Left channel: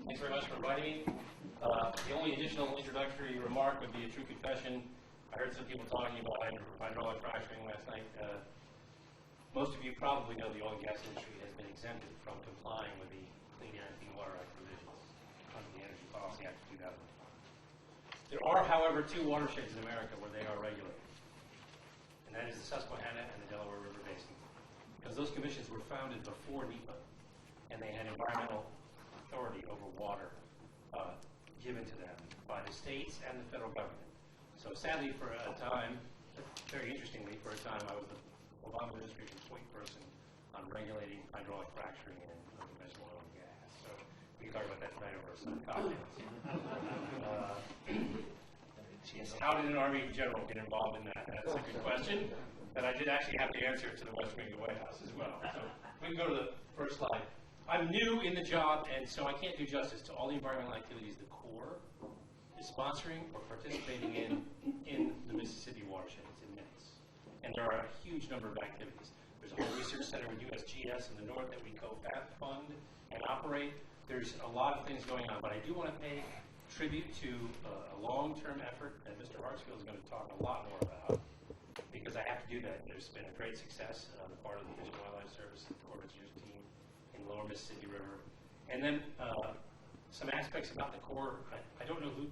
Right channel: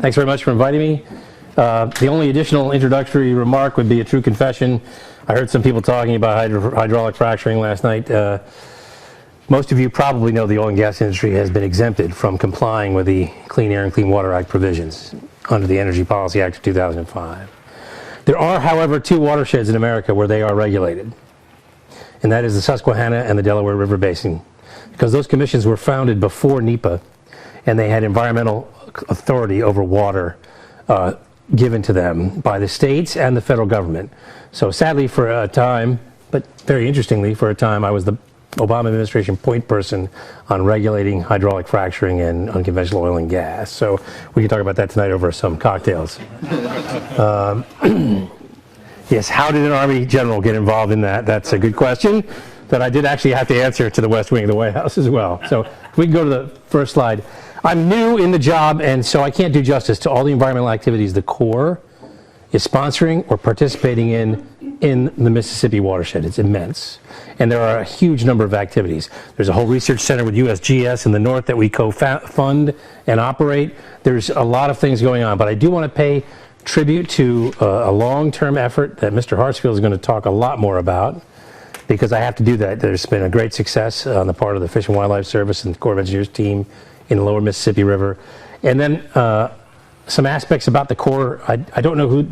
Thanks very much for inviting me. The only additional introductory remark would be a true confession. I heard some people talking about hydraulic fracturing last night. Most of you probably know the oil and gas industry has been exempted from complying with the Clean Air and Clean Water Act provisions under the Energy Policy Act of 2005. There are, however, two watersheds in America where they are regulated, and that is the Susquehanna and the Delaware River Basin, because those commissions were founded before NEPA, and they had environmental authority over water given to them by the states and the federal government. So sadly, for a time, but very interestingly, for a time, I was the Obama administration point person on regulating hydraulic fracturing and unconventional oil and gas. So we can talk about that tonight over some cocktails. Yes, how did an Army general get involved in that? That's a good question that I did actually have to answer to the West Wing of the White House as well. So if we can go to the first slide. I'm new in the job, and so I can't do justice to all the environmental activities the Corps is sponsoring or participating in the Mississippi watershed. It's immense. And there are a huge number of activities. There's a whole research center with USGS in the north that we co-fund and operate. There's a lot of things going on, but I do want to pay tribute to a long-term effort that Mr. Hartsfield is going to talk a lot more about, because I have to do that. There's been a great success on the part of the Fish and Wildlife Service and the Corps of Engineers team in the lower Mississippi River. And then some aspects about the Corps. I didn't know who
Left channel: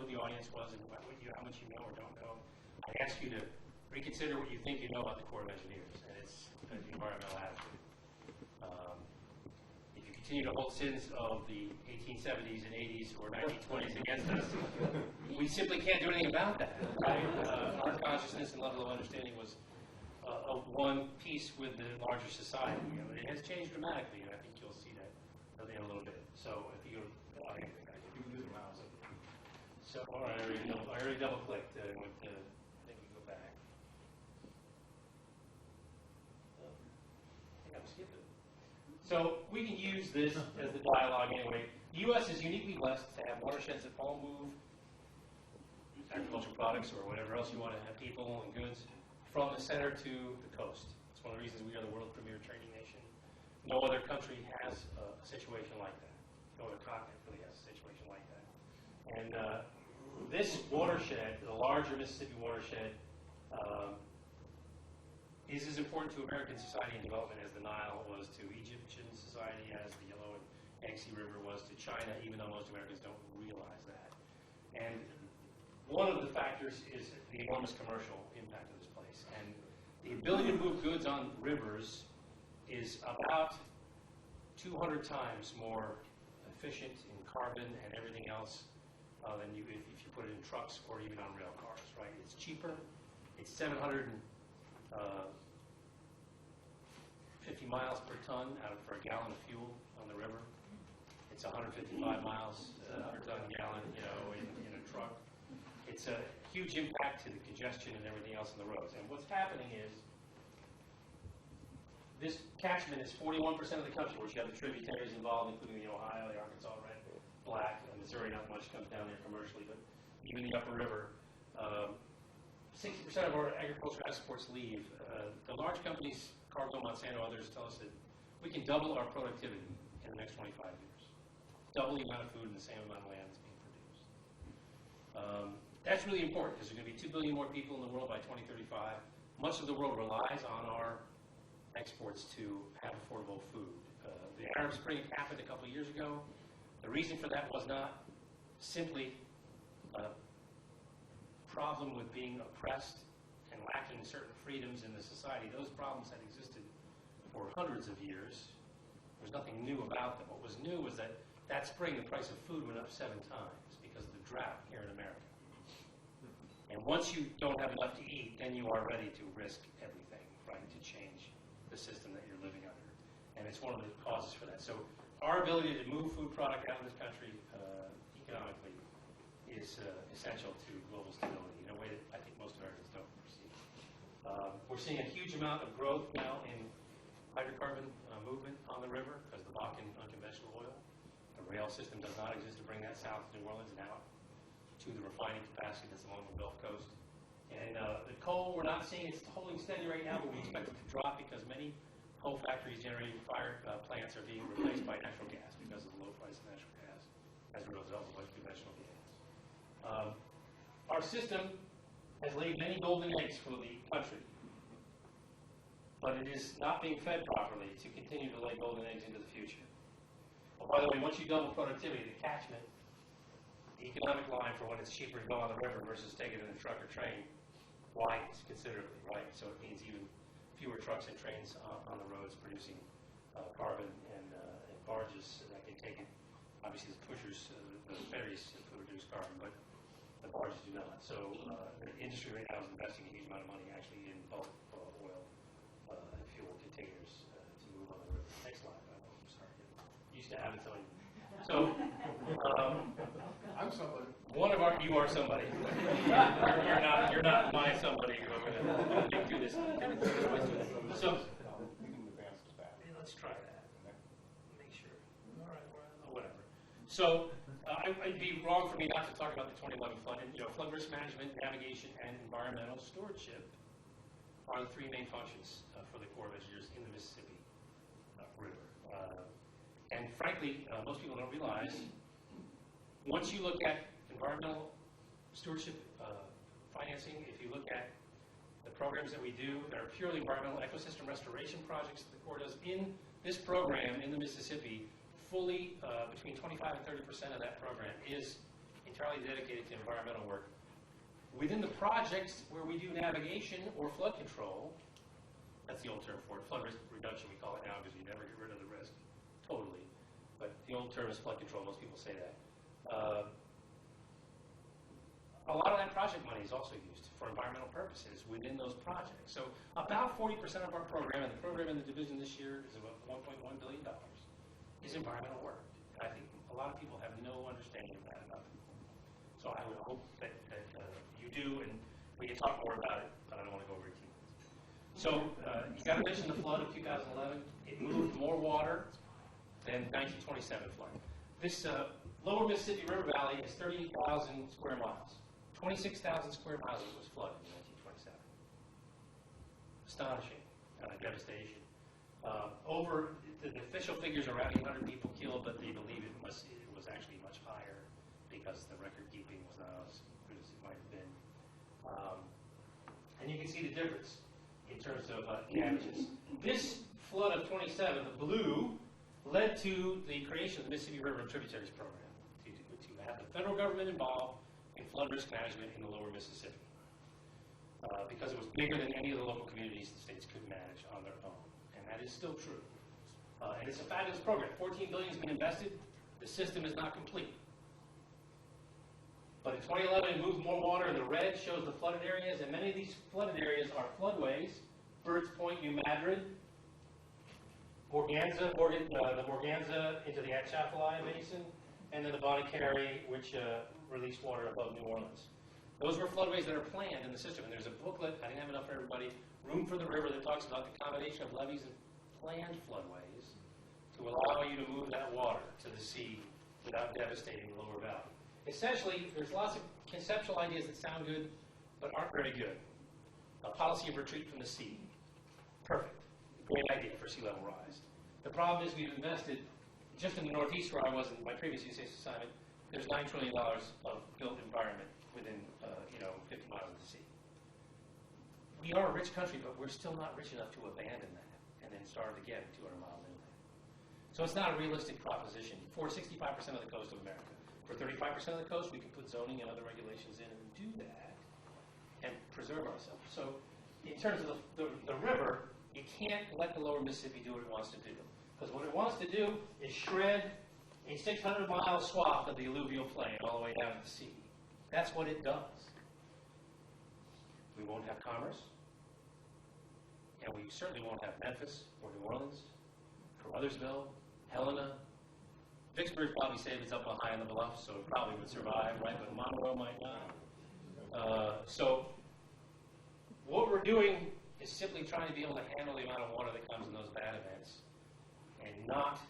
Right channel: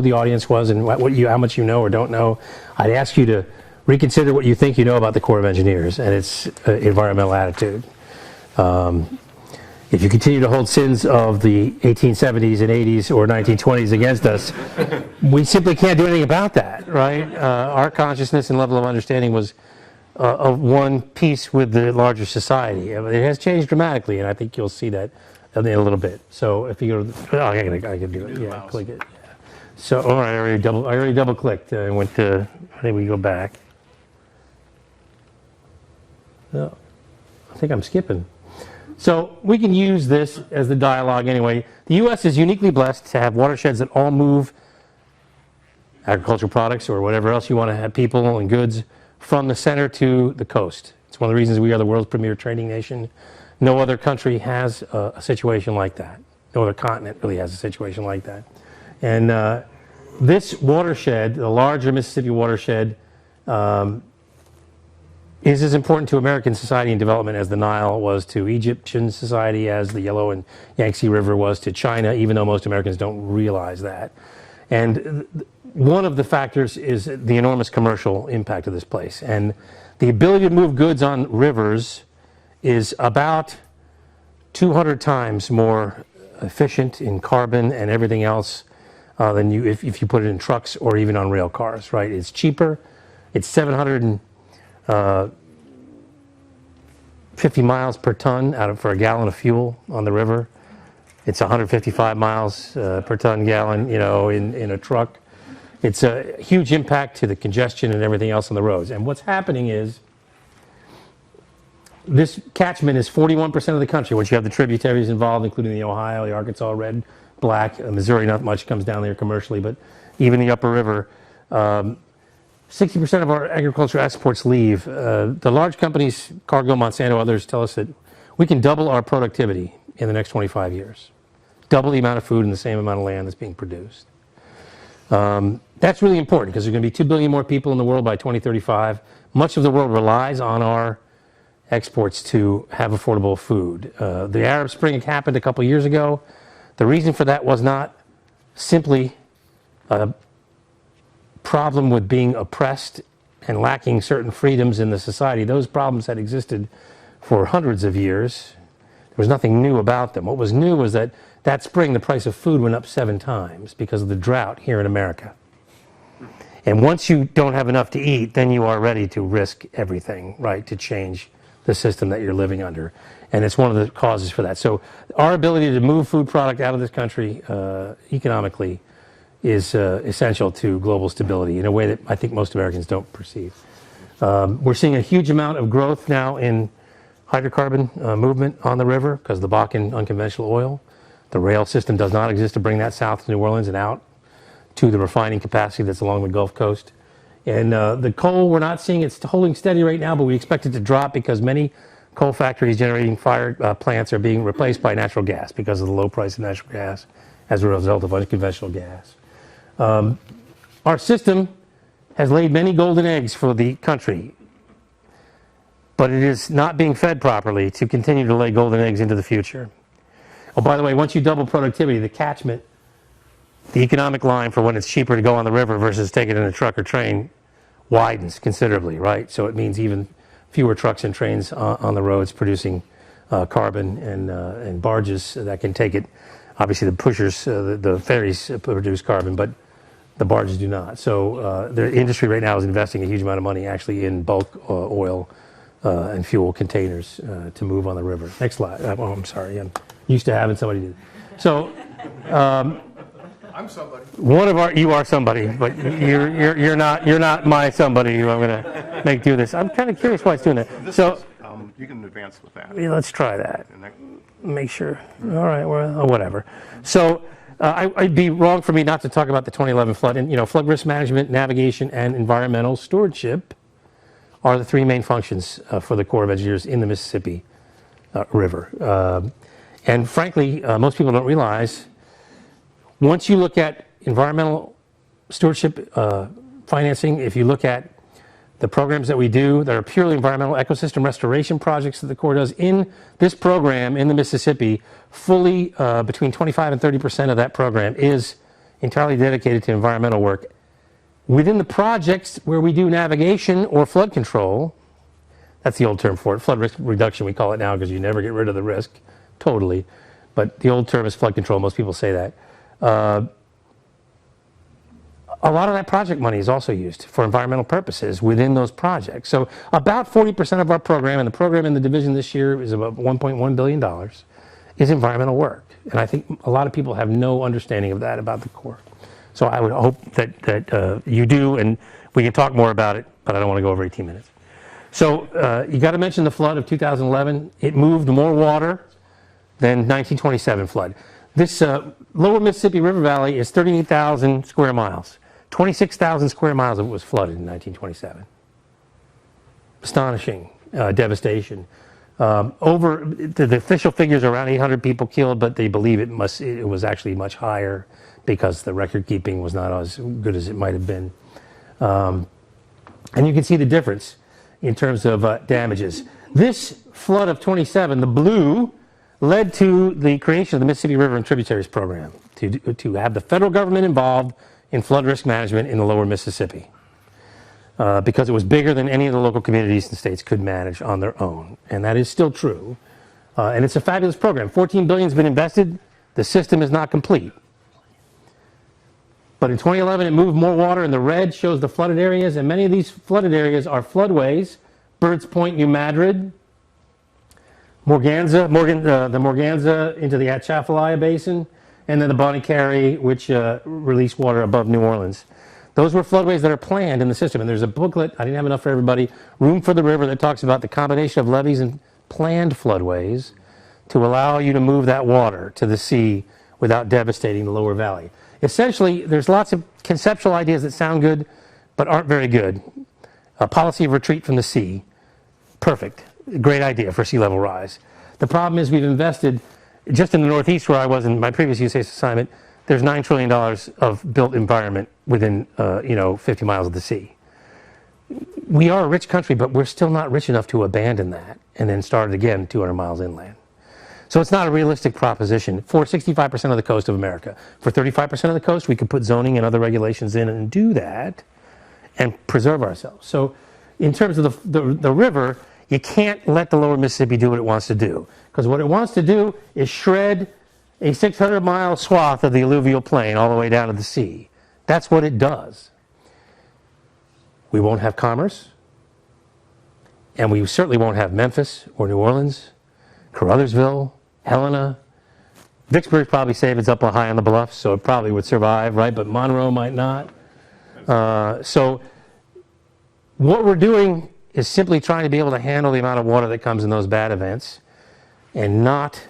the audience was and how much you know or don't know. I'd ask you to reconsider what you think you know about the Corps of Engineers and its environmental attitude. If you continue to hold sins of the 1870s and 80s or 1920s against us, we simply can't do anything about that, right? Our consciousness and level of understanding was of one piece with the larger society. It has changed dramatically, and I think you'll see that in a little bit. So if you go to the, I can do it. Yeah, click it. Yeah. So, all right, I already double clicked and went to, I think we go back. No, I think I'm skipping. So we can use this as the dialogue anyway. The U.S. is uniquely blessed to have watersheds that all move agricultural products or whatever else you want to have, people and goods, from the center to the coast. It's one of the reasons we are the world's premier trading nation. No other country has a situation like that. No other continent really has a situation like that. And this watershed, the larger Mississippi watershed, is as important to American society and development as the Nile was to Egyptian society, as the Yellow and Yangtze River was to China, even though most Americans don't realize that. And one of the factors is the enormous commercial impact of this place. And the ability to move goods on rivers is about 200 times more efficient in carbon and everything else than if you put it in trucks or even on rail cars, right? It's cheaper. It's 750 miles per ton for a gallon of fuel on the river. It's 155 miles per ton gallon, in a truck. It's a huge impact to the congestion and everything else on the roads. And what's happening is this catchment is 41% of the country. Once you have the tributaries involved, including the Ohio, the Arkansas, Red, Black, Missouri, not much comes down there commercially, but even the upper river, 60% of our agricultural exports leave. The large companies, Cargill, Monsanto, others, tell us that we can double our productivity in the next 25 years. Double the amount of food in the same amount of land that's being produced. That's really important because there's going to be 2 billion more people in the world by 2035. Much of the world relies on our exports to have affordable food. The Arab Spring happened a couple years ago. The reason for that was not simply a problem with being oppressed and lacking certain freedoms in the society. Those problems had existed for hundreds of years. There was nothing new about them. What was new was that spring the price of food went up 7 times because of the drought here in America. And once you don't have enough to eat, then you are ready to risk everything, right, to change the system that you're living under. And it's one of the causes for that. So our ability to move food product out of this country economically is essential to global stability in a way that I think most Americans don't perceive. We're seeing a huge amount of growth now in hydrocarbon movement on the river because of the Bakken unconventional oil. The rail system does not exist to bring that south to New Orleans and out to the refining capacity that's along the Gulf Coast. And the coal, we're not seeing it's holding steady right now, but we expect it to drop because many Coal factories generating fire plants are being replaced by natural gas because of the low price of natural gas as a result of unconventional gas. Our system has laid many golden eggs for the country, but it is not being fed properly to continue to lay golden eggs into the future. Oh, by the way, once you double productivity, the catchment, the economic line for when it's cheaper to go on the river versus take it in a truck or train widens considerably, right? So it means even fewer trucks and trains on the roads producing carbon and barges that can take it. Obviously, the pushers, the ferries produce carbon, but the barges do not. So the industry right now is investing a huge amount of money actually in bulk oil and fuel containers to move on the river. Next slide. Oh, I'm sorry. I'm used to having somebody do it. So I'm somebody. one of our, you are somebody, but you're not my somebody who I'm going to make do this. I'm kind of curious why it's doing that. So you can advance with that. yeah, let's try that. Make sure. All right. Well, whatever. So I'd be wrong for me not to talk about the 2011 flood. And, you know, flood risk management, navigation, and environmental stewardship are the three main functions for the Corps of Engineers in the Mississippi River. And frankly, most people don't realize, once you look at environmental stewardship financing, if you look at the programs that we do that are purely environmental ecosystem restoration projects that the Corps does in this program in the Mississippi, fully between 25 and 30% of that program is entirely dedicated to environmental work. Within the projects where we do navigation or flood control, that's the old term for it, flood risk reduction we call it now because you never get rid of the risk totally, but the old term is flood control, most people say that. A lot of that project money is also used for environmental purposes within those projects. So about 40% of our program, and the program in the division this year is about $1.1 billion, is environmental work. And I think a lot of people have no understanding of that about the Corps. So I would hope that you do, and we can talk more about it, but I don't want to go over 18 minutes. So you got to mention the flood of 2011. It moved more water than 1927 flood. This lower Mississippi River Valley is 38,000 square miles. 26,000 square miles of it was flooded in 1927. Astonishing devastation. The official figures are around 800 people killed, but they believe it was actually much higher because the record keeping was not as good as it might have been. And you can see the difference in terms of damages. This flood of 27, the blue, led to the creation of the Mississippi River and Tributaries Program to have the federal government involved in flood risk management in the lower Mississippi because it was bigger than any of the local communities and states could manage on their own. And that is still true. And it's a fabulous program. $14 billion has been invested. The system is not complete. But in 2011, it moved more water, and the red shows the flooded areas. And many of these flooded areas are floodways: Birds Point, New Madrid, Morganza, the Morganza into the Atchafalaya Basin, and then the Bonnie Carey, which release water above New Orleans. Those were floodways that are planned in the system. And there's a booklet, I didn't have enough for everybody, Room for the River, that talks about the combination of levees and planned floodways to allow you to move that water to the sea without devastating the lower valley. Essentially, there's lots of conceptual ideas that sound good but aren't very good. A policy of retreat from the sea, perfect. Great idea for sea level rise. The problem is we've invested, just in the Northeast where I was in my previous USAID assignment, there's $9 trillion of built environment within 50 miles of the sea. We are a rich country, but we're still not rich enough to abandon that and then start it again 200 miles inland. So it's not a realistic proposition for 65% of the coast of America. For 35% of the coast, we could put zoning and other regulations in and do that and preserve ourselves. So in terms of the river, you can't let the lower Mississippi do what it wants to do, because what it wants to do is shred a 600-mile swath of the alluvial plain all the way down to the sea. That's what it does. We won't have commerce, and we certainly won't have Memphis or New Orleans, Caruthersville, Helena. Vicksburg probably safe, it's up high on the bluffs, so it probably would survive, right? But Monroe might not. So what we're doing is simply trying to be able to handle the amount of water that comes in those bad events and not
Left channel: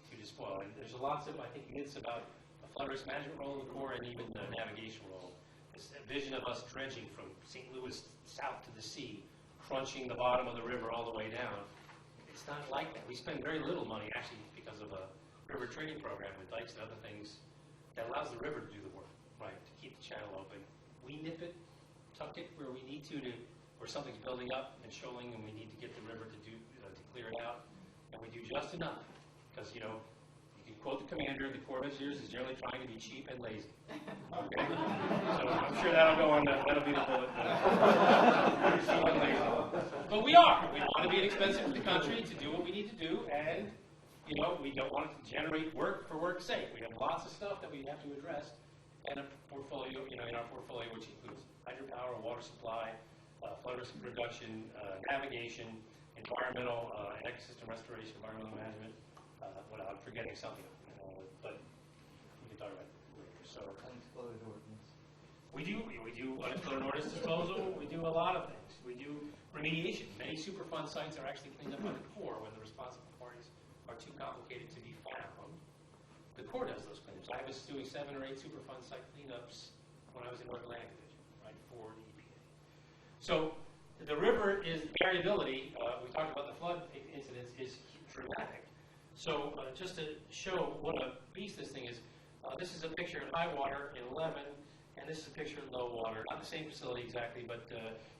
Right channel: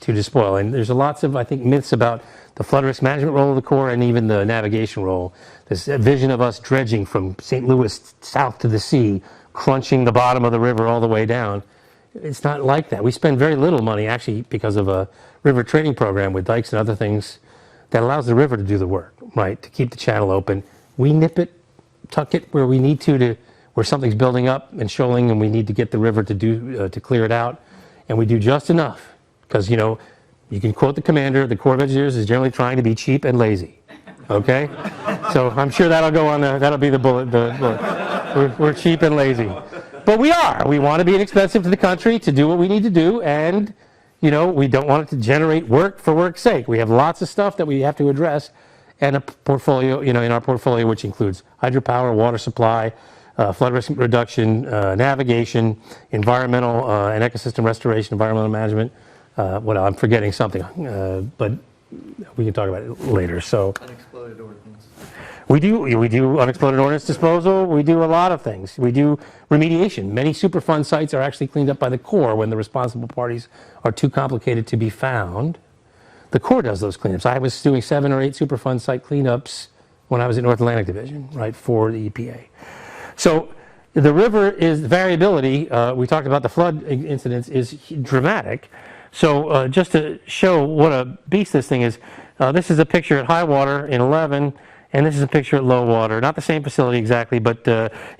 to despoil. And there's lots of, I think, myths about the flood risk management role of the Corps and even the navigation role. This vision of us dredging from St. Louis south to the sea, crunching the bottom of the river all the way down. It's not like that. We spend very little money actually because of a river training program with dikes and other things that allows the river to do the work, right? To keep the channel open. We nip it, tuck it where we need to where something's building up and shoaling, and we need to get the river to do to clear it out, and we do just enough because you can quote the commander. The Corps of Engineers is generally trying to be cheap and lazy. Okay, so I'm sure that'll go on. That'll be the bullet. We're cheap and lazy, but we are. We want to be inexpensive to the country to do what we need to do, and we don't want it to generate work for work's sake. We have lots of stuff that we have to address, and a portfolio, in our portfolio, which includes hydropower, water supply, flood risk reduction, navigation, environmental and ecosystem restoration, environmental management. I'm forgetting something, but we can talk about it later. So Unexploded ordnance. we do unexploded ordnance disposal. We do a lot of things. We do remediation. Many Superfund sites are actually cleaned up by the Corps when the responsible parties are too complicated to be found. The Corps does those cleanups. I was doing 7 or 8 Superfund site cleanups when I was at North Atlantic Division, right, for the EPA. So the river is variability. We talked about the flood incidents is dramatic. So just to show what a beast this thing is, this is a picture at high water in 11, and this is a picture at low water. Not the same facility exactly, but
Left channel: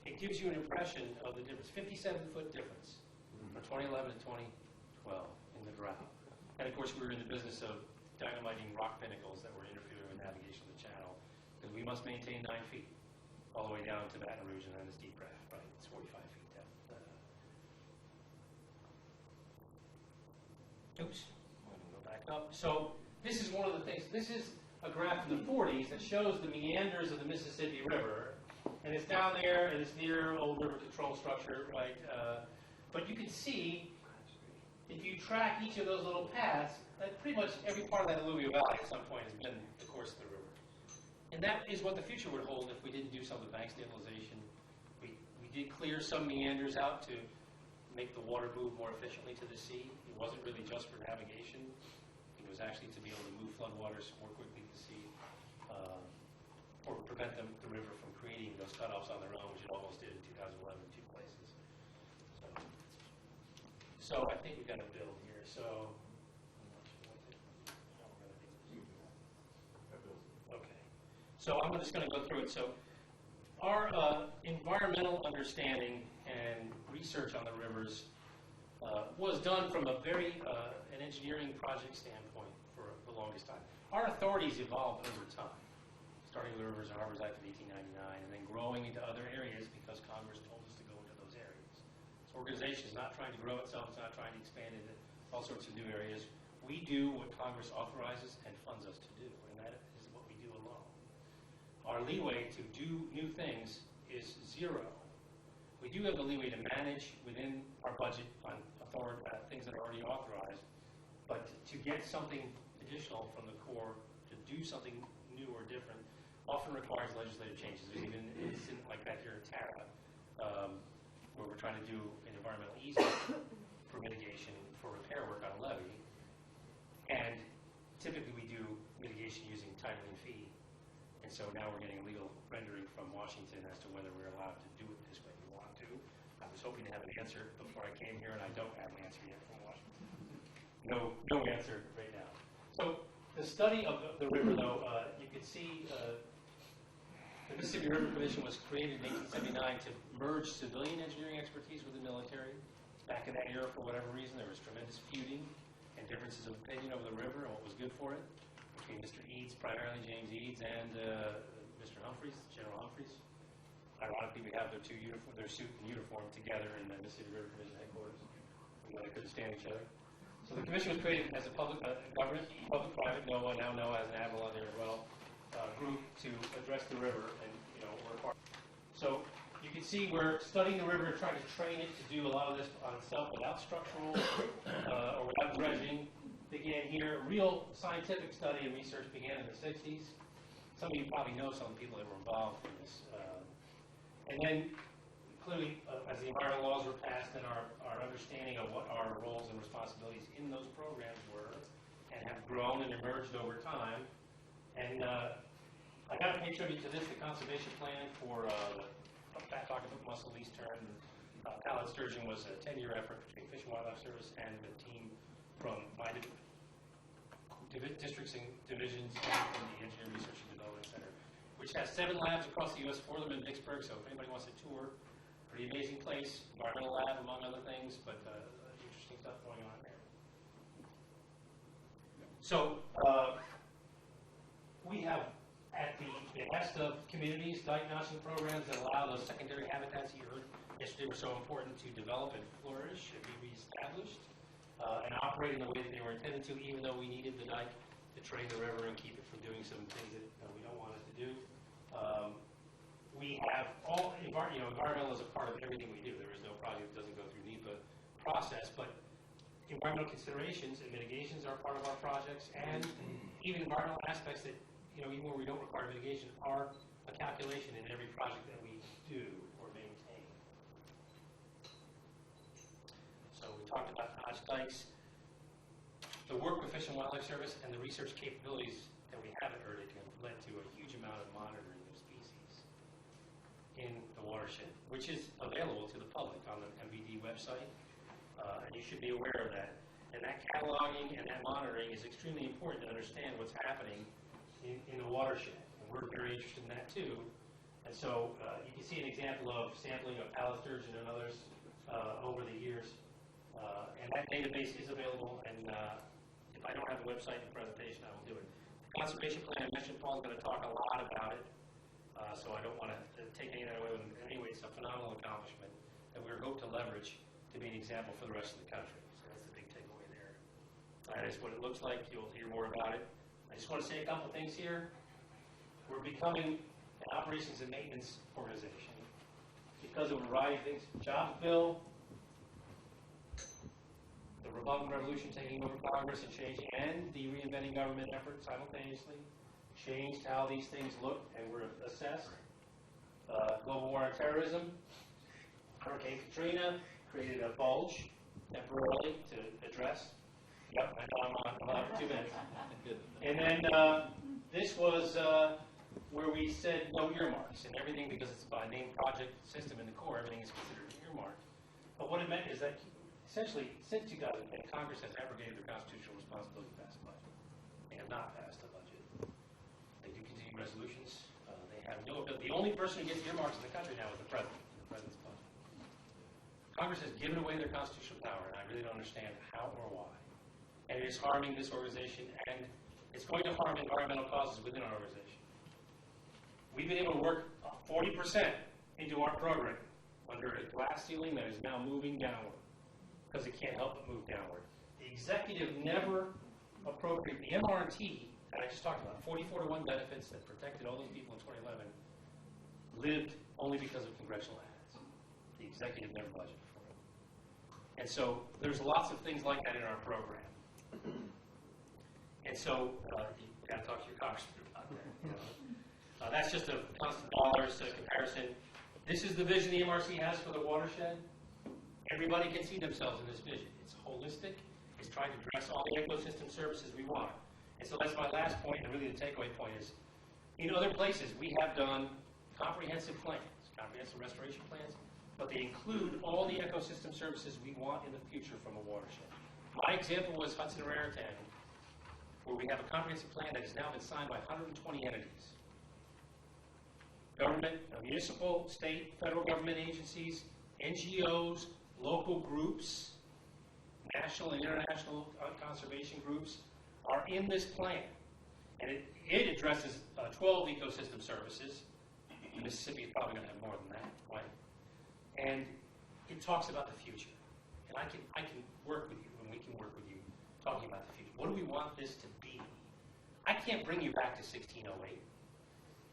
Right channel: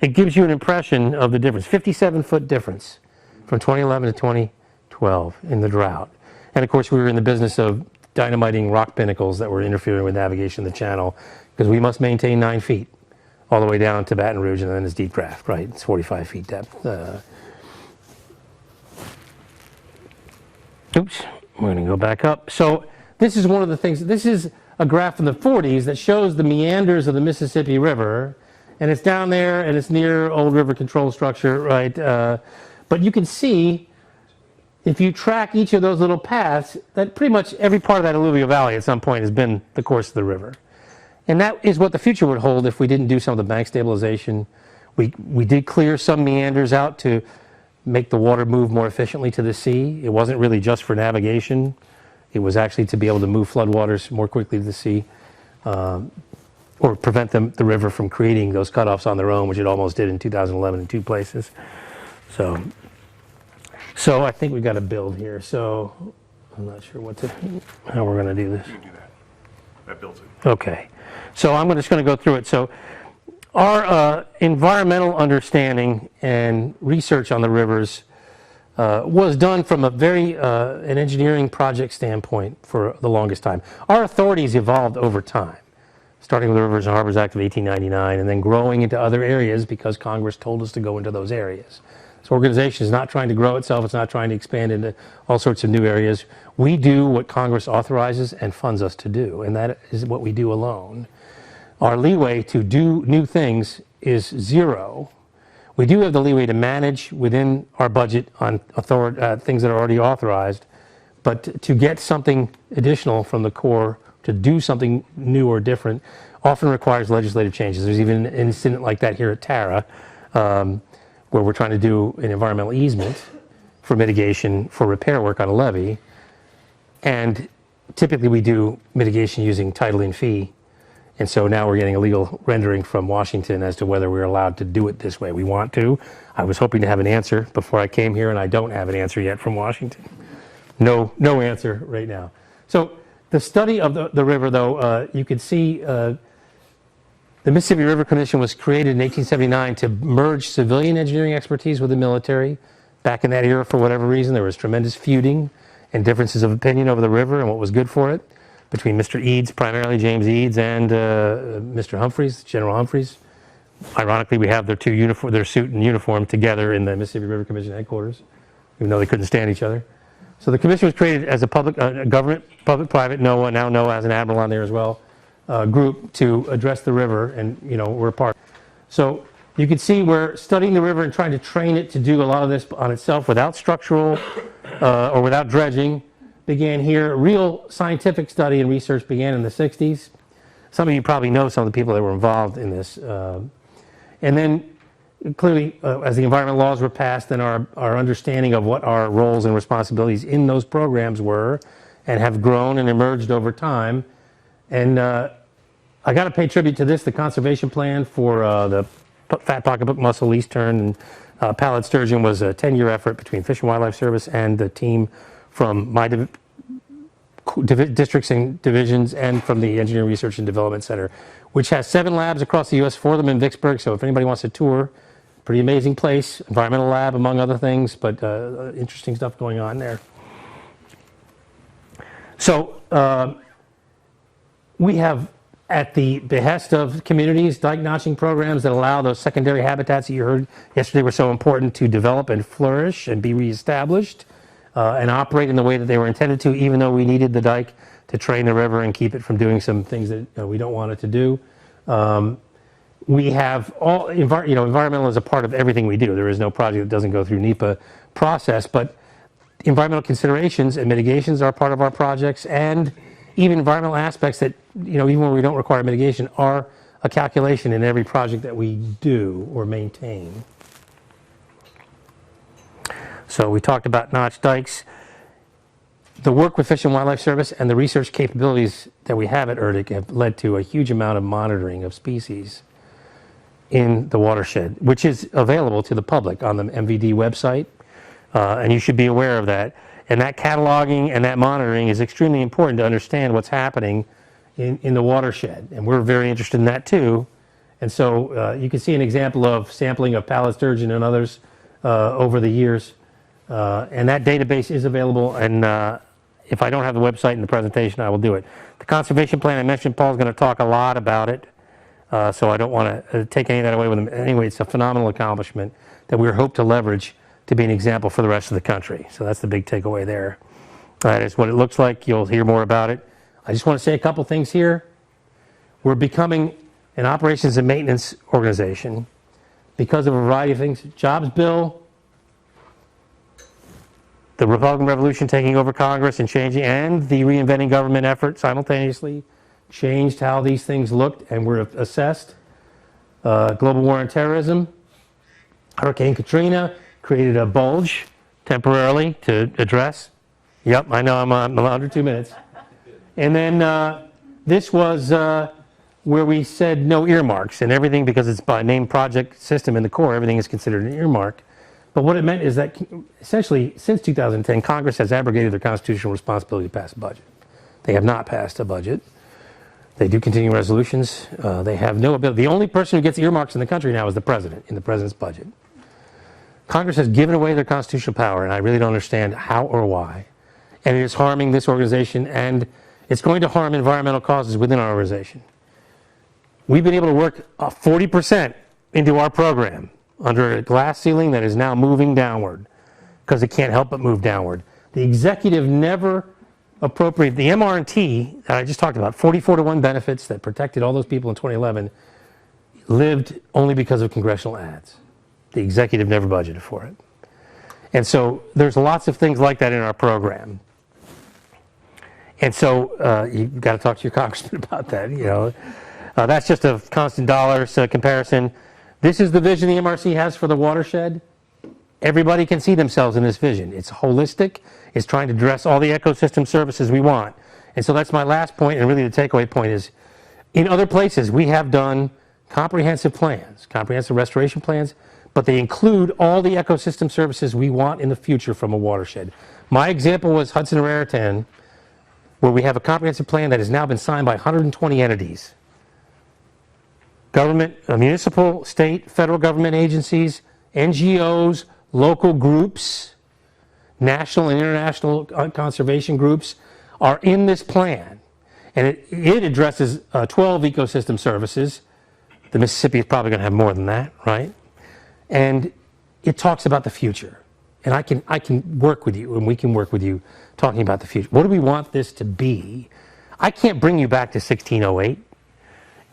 it gives you an impression of the difference. 57-foot difference from 2011 to 2012 in the drought. And of course, we were in the business of dynamiting rock pinnacles that were interfering with navigation of the channel, because we must maintain 9 feet all the way down to Baton Rouge, and then it's deep draft, right? It's 45 feet depth. Oops, we're going to go back up. So this is one of the things. This is a graph from the 40s that shows the meanders of the Mississippi River, and it's down there, and it's near Old River Control Structure, right? But you can see, if you track each of those little paths, that pretty much every part of that alluvial valley at some point has been the course of the river. And that is what the future would hold if we didn't do some of the bank stabilization. We did clear some meanders out to make the water move more efficiently to the sea. It wasn't really just for navigation. It was actually to be able to move floodwaters more quickly to the sea, or prevent the river from creating those cutoffs on their own, which it almost did in 2011 in 2 places. So I think we've got a build here. So I'm not sure how we're going to do this. You can do that. That builds it. Okay. So I'm just going to go through it. So our environmental understanding and research on the rivers was done from an engineering project standpoint for the longest time. Our authorities evolved over time, starting with the Rivers and Harbors Act of 1899, and then growing into other areas because Congress told us to go into those areas. This organization is not trying to grow itself. It's not trying to expand into all sorts of new areas. We do what Congress authorizes and funds us to do, and that is what we do alone. Our leeway to do new things is 0. We do have the leeway to manage within our budget on things that are already authorized, but to get something additional from the Corps to do something new or different often requires legislative changes. There's even an incident like that here at Tara, where we're trying to do an environmental easement for mitigation for repair work on a levee. And typically we do mitigation using title and fee. And so now we're getting a legal rendering from Washington as to whether we're allowed to do it this way. We want to. I was hoping to have an answer before I came here, and I don't have an answer yet from Washington. No answer right now. So the study of the river, though, you can see the Mississippi River Commission was created in 1879 to merge civilian engineering expertise with the military. Back in that era, for whatever reason, there was tremendous feuding and differences of opinion over the river and what was good for it between Mr. Eads, primarily James Eads, and Mr. Humphreys, General Humphreys. Ironically, we have their suit and uniform together in the Mississippi River Commission headquarters, even though they couldn't stand each other. So the commission was created as a government, public-private, NOAA, now NOAA has an admiral on there as well, group to address the river, and we're a part. So you can see we're studying the river and trying to train it to do a lot of this on itself without structural or without dredging. Began here. Real scientific study and research began in the 60s. Some of you probably know some of the people that were involved in this. And then clearly, as the environmental laws were passed, then our understanding of what our roles and responsibilities in those programs were and have grown and emerged over time. And I got to pay tribute to this, the conservation plan for the fat pocketbook mussel, least tern, and Pallid sturgeon was a 10-year effort between Fish and Wildlife Service and the team from my districts and divisions and from the Engineering Research and Development Center, which has 7 labs across the U.S., 4 of them in Vicksburg. So if anybody wants a tour, pretty amazing place, environmental lab among other things, but interesting stuff going on there. So we have, at the behest of communities, dike notching programs that allow those secondary habitats that you heard yesterday were so important to develop and flourish and be reestablished and operate in the way that they were intended to, even though we needed the dike to train the river and keep it from doing some things that we don't want it to do. We have all, environmental is a part of everything we do. There is no project that doesn't go through NEPA process, but environmental considerations and mitigations are part of our projects, and even environmental aspects that, even when we don't require mitigation, are a calculation in every project that we do or maintain. So we talked about notch dikes. The work with Fish and Wildlife Service and the research capabilities that we have at ERDIC have led to a huge amount of monitoring of species in the watershed, which is available to the public on the MVD website, and you should be aware of that. And that cataloging and that monitoring is extremely important to understand what's happening in the watershed, and we're very interested in that too. And so you can see an example of sampling of pallid sturgeon and others over the years, and that database is available, and if I don't have the website in the presentation, I will do it. The conservation plan, I mentioned Paul's going to talk a lot about it, so I don't want to take any of that away with him. Anyway, it's a phenomenal accomplishment that we hope to leverage to be an example for the rest of the country. So that's the big takeaway there. That is what it looks like. You'll hear more about it. I just want to say a couple things here. We're becoming an operations and maintenance organization because of a variety of things. Jobs bill, the Republican Revolution taking over Congress and changing, and the reinventing government effort simultaneously changed how these things looked and were assessed. Global war on terrorism, Hurricane Katrina created a bulge temporarily to address. Yep, I know I'm under 2 minutes. And then this was where we said no earmarks and everything, because it's by named project system in the Corps, everything is considered an earmark. But what it meant is that essentially since 2010, Congress has abrogated their constitutional responsibility to pass a budget. They have not passed a budget. They do continue resolutions. They have no ability. The only person who gets earmarks in the country now is the president, in the president's budget. Congress has given away their constitutional power, and I really don't understand how or why. And it is harming this organization, and it's going to harm environmental causes within our organization. We've been able to work 40% into our program under a glass ceiling that is now moving downward because it can't help but move downward. The executive never appropriated the MR&T that I just talked about, 44-to-1 benefits that protected all those people in 2011, lived only because of congressional ads. The executive never budgeted for it. And so there's lots of things like that in our program. And so you've got to talk to your congressman about that. That's just a constant dollars comparison. This is the vision the MRC has for the watershed. Everybody can see themselves in this vision. It's holistic. It's trying to address all the ecosystem services we want. And so that's my last point, and really the takeaway point is, in other places we have done comprehensive plans, comprehensive restoration plans, but they include all the ecosystem services we want in the future from a watershed. My example was Hudson and Raritan, where we have a comprehensive plan that has now been signed by 120 entities. Government, municipal, state, federal government agencies, NGOs, local groups, national and international conservation groups are in this plan. And it addresses 12 ecosystem services. The Mississippi is probably going to have more than that, right? And it talks about the future. And I can work with you, and we can work with you talking about the future. What do we want this to be? I can't bring you back to 1608.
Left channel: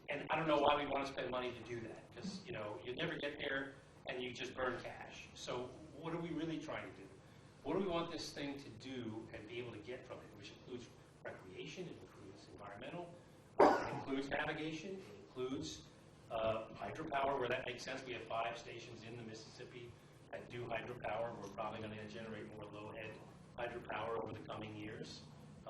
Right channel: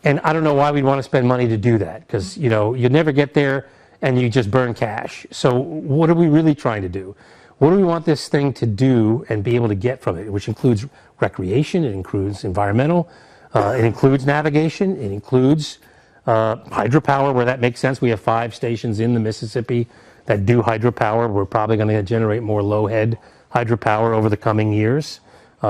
And I don't know why we'd want to spend money to do that, because you'll never get there and you just burn cash. So what are we really trying to do? What do we want this thing to do and be able to get from it, which includes recreation, it includes environmental, it includes navigation, it includes hydropower where that makes sense. We have 5 stations in the Mississippi that do hydropower. We're probably going to generate more low-head hydropower over the coming years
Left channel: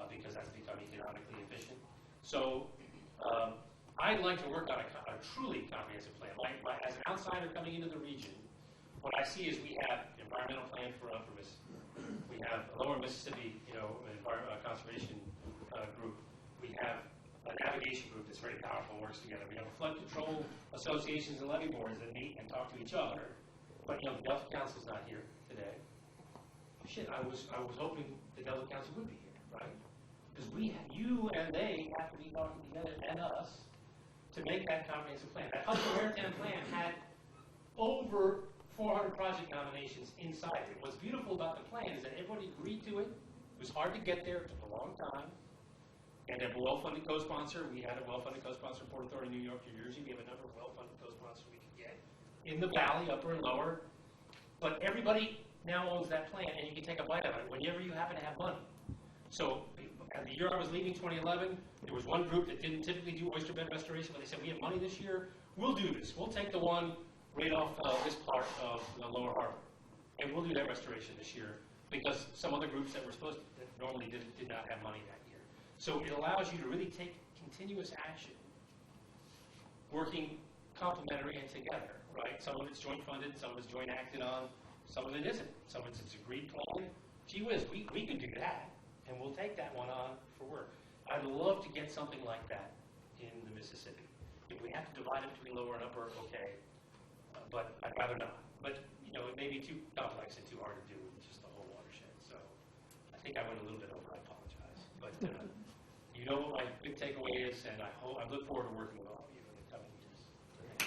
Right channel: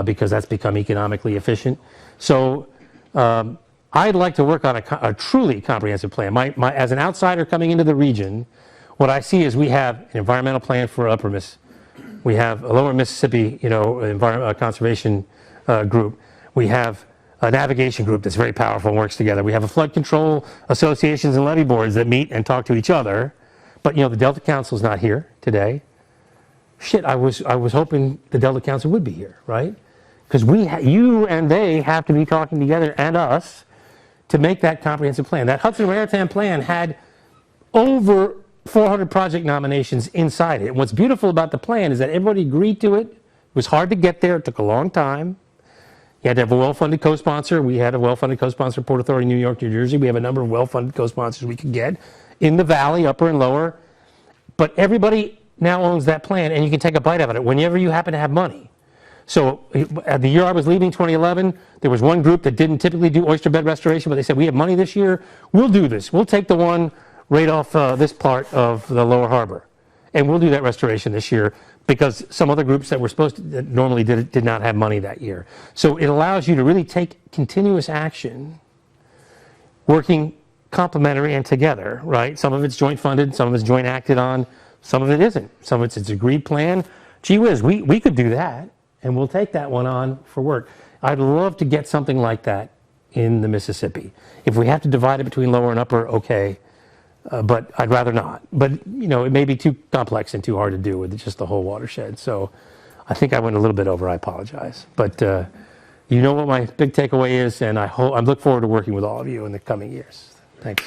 because that's become economically efficient. So I'd like to work on a truly comprehensive plan. As an outsider coming into the region, what I see is we have an environmental plan for Upper Miss. We have a Lower Mississippi, conservation group. We have a navigation group that's very powerful and works together. We have a flood control associations and levee boards that meet and talk to each other. But the Delta Council's not here today. Shit, I was hoping the Delta Council would be here, right? Because you and they have to be talking together, and us, to make that comprehensive plan. That Hudson Maritime plan had over 400 project nominations inside it. And what's beautiful about the plan is that everybody agreed to it. It was hard to get there. It took a long time. You had to have a well-funded co-sponsor. We had a well-funded co-sponsor, Port Authority, New York, New Jersey. We have a number of well-funded co-sponsors we could get in the valley, upper and lower. But everybody now owns that plan, and you can take a bite out of it whenever you happen to have money. So at the year I was leaving, 2011, there was one group that didn't typically do oyster bed restoration, but they said, we have money this year. We'll do this. We'll take the one right off this part of the lower harbor, and we'll do that restoration this year, because some other groups that were supposed to, that normally did not have money that year. So it allows you to really take continuous action, working complementary and together, right? Some of it's joint funded, some of it's joint acted on, some of it isn't. Some of it's agreed plan. Gee whiz, we could do that, and we'll take that one on for work. I'd love to get something like that in the Mississippi. If we have to divide it between lower and upper, okay. But I'd rather not. But, it may be too complex and too hard to do with just the whole watershed. So I think I went a little bit over. I apologize. But you know what my big takeaway is, and I look forward to working with all of you in the coming years. Thanks.